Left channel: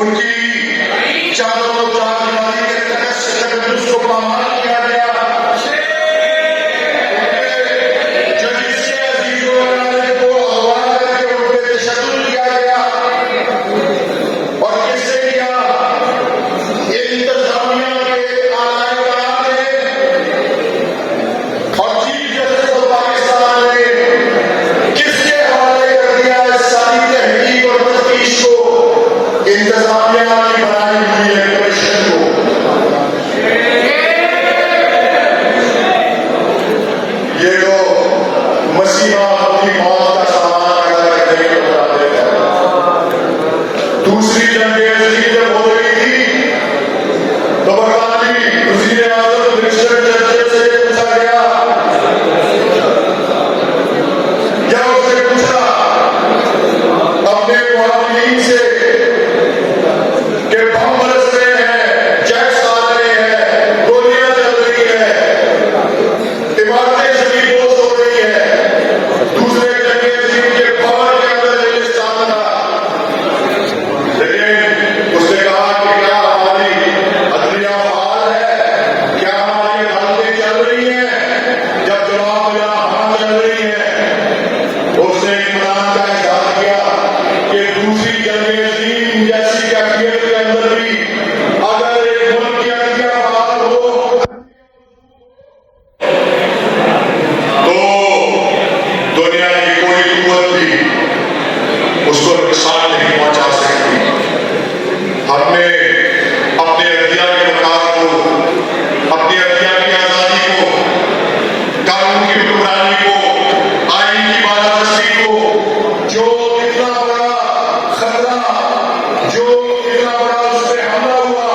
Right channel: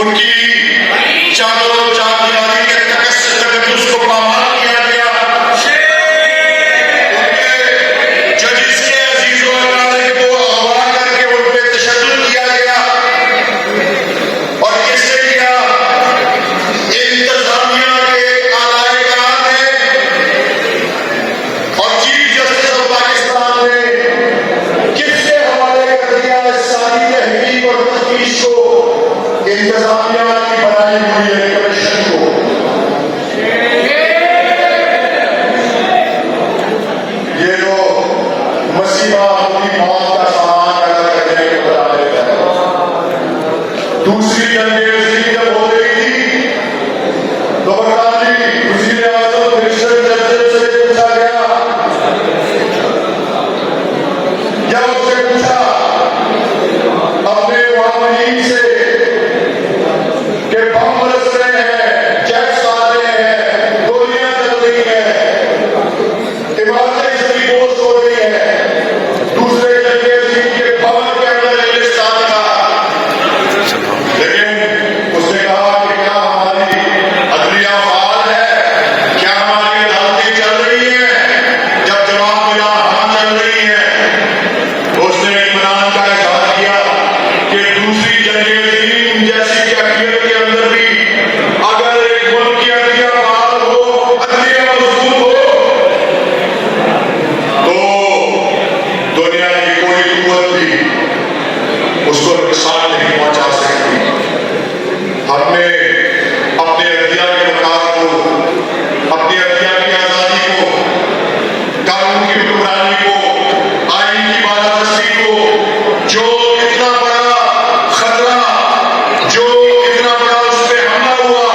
ان کی چاروں چاردیواری کے تقدس کو پامال کیا گیا. ان کے ججز کے عزیز و اقارب کو اغوا کر کے ان پہ تشدد کیا گیا. اور کس سے کیا؟ انتظامیہ کے اعلی کار نے اور چیف جسٹس آف پاکستان نے کس کے حوالے کر دیا اس ساری تحقیق اور تفتیش کو؟ انتظامیہ کی بنائی ہوئی ہے کمیشن کو. یہ جو مسیحا اپنی موت کا سامان اگر کرنے کو بتا دیتا ہے. دوسری جنگ عظیم جب ہو رہی تھی تو برطانوی وزیر اعظم ونسٹن چرچل سے پوچھا گیا یا اس سے پوچھا اپنے معاونین سے کہ بم برس رہے ہیں، جیٹس آ رہے ہیں، گولیاں چل رہی ہیں، عمارتیں زمینپوش ہو رہی ہیں. دوسرے جنگ عظیم کے بھون کے اندر انگلستان تھا. لیکن اس نے کہا کہ کیا ہماری عدلیہ فعال ہے؟ کیا ہماری عدالتیں چل رہی ہیں؟ جب جواب ملا ہاں چل رہی ہیں تو اس نے اطمینان کا اظہار کیا کہ دوسری جنگ عظیم جیسی کیفیت کے اندر بھی اگر ایک ملک کی عدلیہ فعال ہو، عدلیہ مضبوط ہو تو دنیا کی کوئی قوت بھی اس کو نقصان نہیں پہنچا سکتی. ہم نے اپنے عدلیہ کے وقار کو، اپنی عدلیہ کی آزادی کو، قانون کی حکمرانی کو، آئین کی بالادستی کو، جو اتنا بڑا خطرہ، جو اتنا بڑا اس پہ حملہ ہوا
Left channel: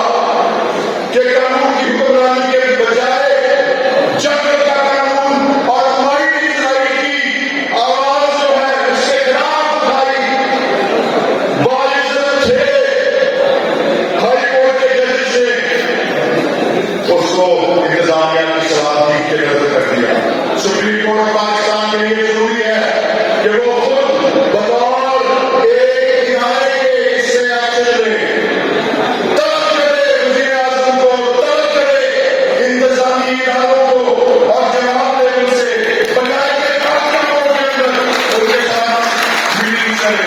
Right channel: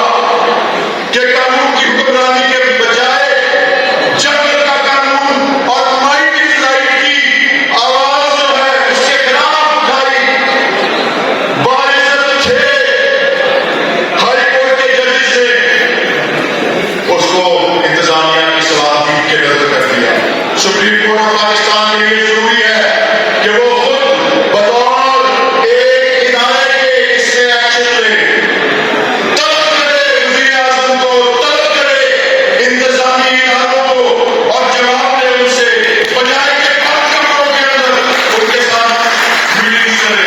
کہ قانون کی حکمرانی کے بجائے جنگ کا قانون اور مائٹی رائٹ کی آواز جو ہے اس کے خلاف اٹھائی. باعزت تھے ہائی کورٹ کے ججز نے اس کو انتظامیہ کی صلاحیت کے رد کر دیا. سپریم کورٹ آف پاکستان کے لیے ضروری ہے کہ وہ خود بطور ایک ادارے کے اس میں ایکشن لے، طلب کرے وزیر اعظم کو، طلب کرے انتظامی اداروں کو اور جواب دے ان سے، بجائے کہ کارکنوں کے اندر ان کے ساتھ میٹنگ کرے.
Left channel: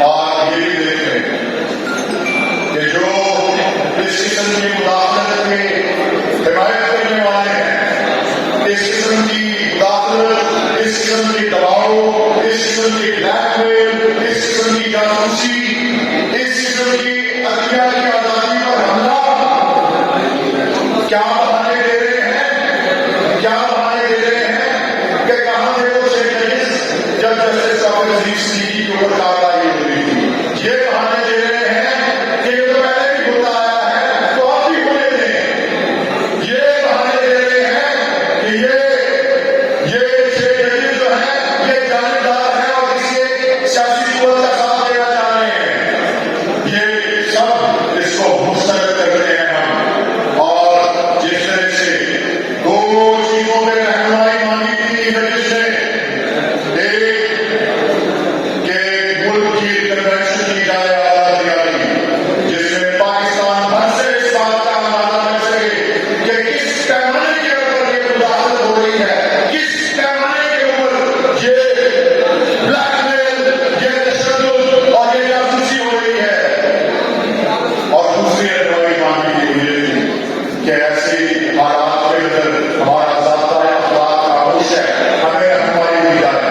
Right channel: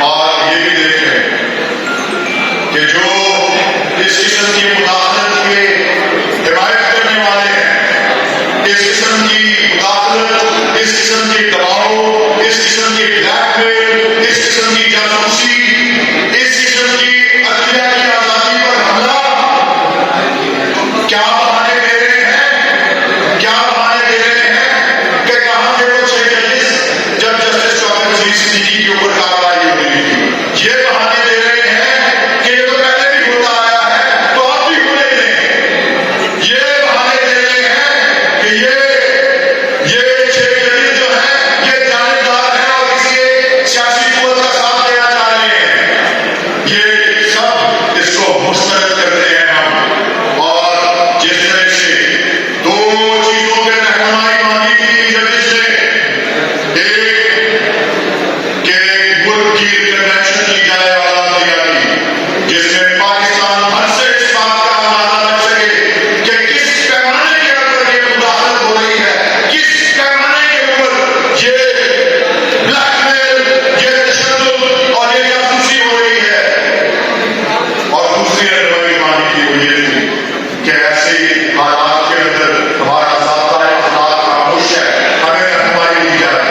اور یہ بھی دیکھیں کہ جو اس قسم کی مداخلت کے حمایت کرنے والے ہیں، اس قسم کی مداخلت، اس قسم کی دباؤ، اس قسم کی بلیک میل، اس قسم کی جاسوسی، اس قسم کی عدلیہ کی آزادی پر حملہ، کیا بہانے دے رہے ہیں؟ کیا بہانے دے رہے ہیں کہ کہاں تھے وہ چھ ججز جب جسٹس شوکت عزیز صدیقی کے اوپر کارروائی ہو رہی تھی؟ یہ بہانے دے رہے ہیں کہ یہ تو پہلے بھی ہوتا آیا ہے تو اب بھی ہونے دیں. یہ بہانے دے رہے ہیں کہ یہ چھ ججز جو ہیں یہ جانبدار ہیں اور کسی ایک سیاسی قوت کا ساتھ دینا چاہ رہے ہیں. یہ سب اس کو مسترد کرتے ہیں ہم. اور جس طرح سے دو چیزوں پہ رہنمائی مانگی تھی ججز نے، ایک کہ ملک کی کنونشن کی جائے عدلیہ کی، جس میں پاکستان بھر سے اس بات کا اندازہ لگ سکے کہ کس پیمانے کے اوپر یہ مداخلت ہو رہی ہے، کس پیمانے کے اوپر یہ بلیک میل، یہ تشدد اور یہ جاسوسی ہو رہی ہے. اور دوسری رہنمائی مانگی تھی وہ یہ تھی کہ ایسے حالات کے اندر ہمارا ضابطۂ اخلاق خاموش ہے، ہمیں رہنمائی دی جائے.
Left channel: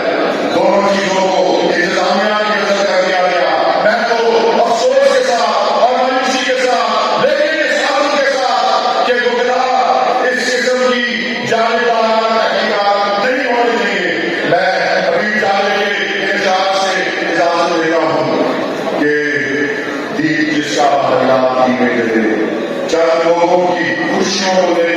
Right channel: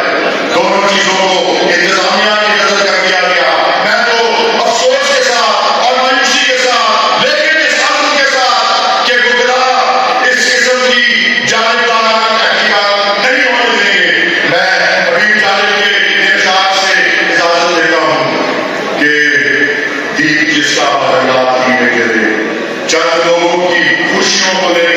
دونوں چیزوں کو انتظامیہ کی نظر کر دیا گیا. میں تو افسوس کے ساتھ اور مایوسی کے ساتھ لیکن اس عزم کے ساتھ کہ گمراہ اس قسم کی جانبدارانہ تحقیقات نہیں ہونے دیں گے، میں حبیب طالب کے ارشاد سے اجازت دیتا ہوں کہ دیپ جس کا بدلہ میں کرے، چند لوگوں کی خوشیوں کو لے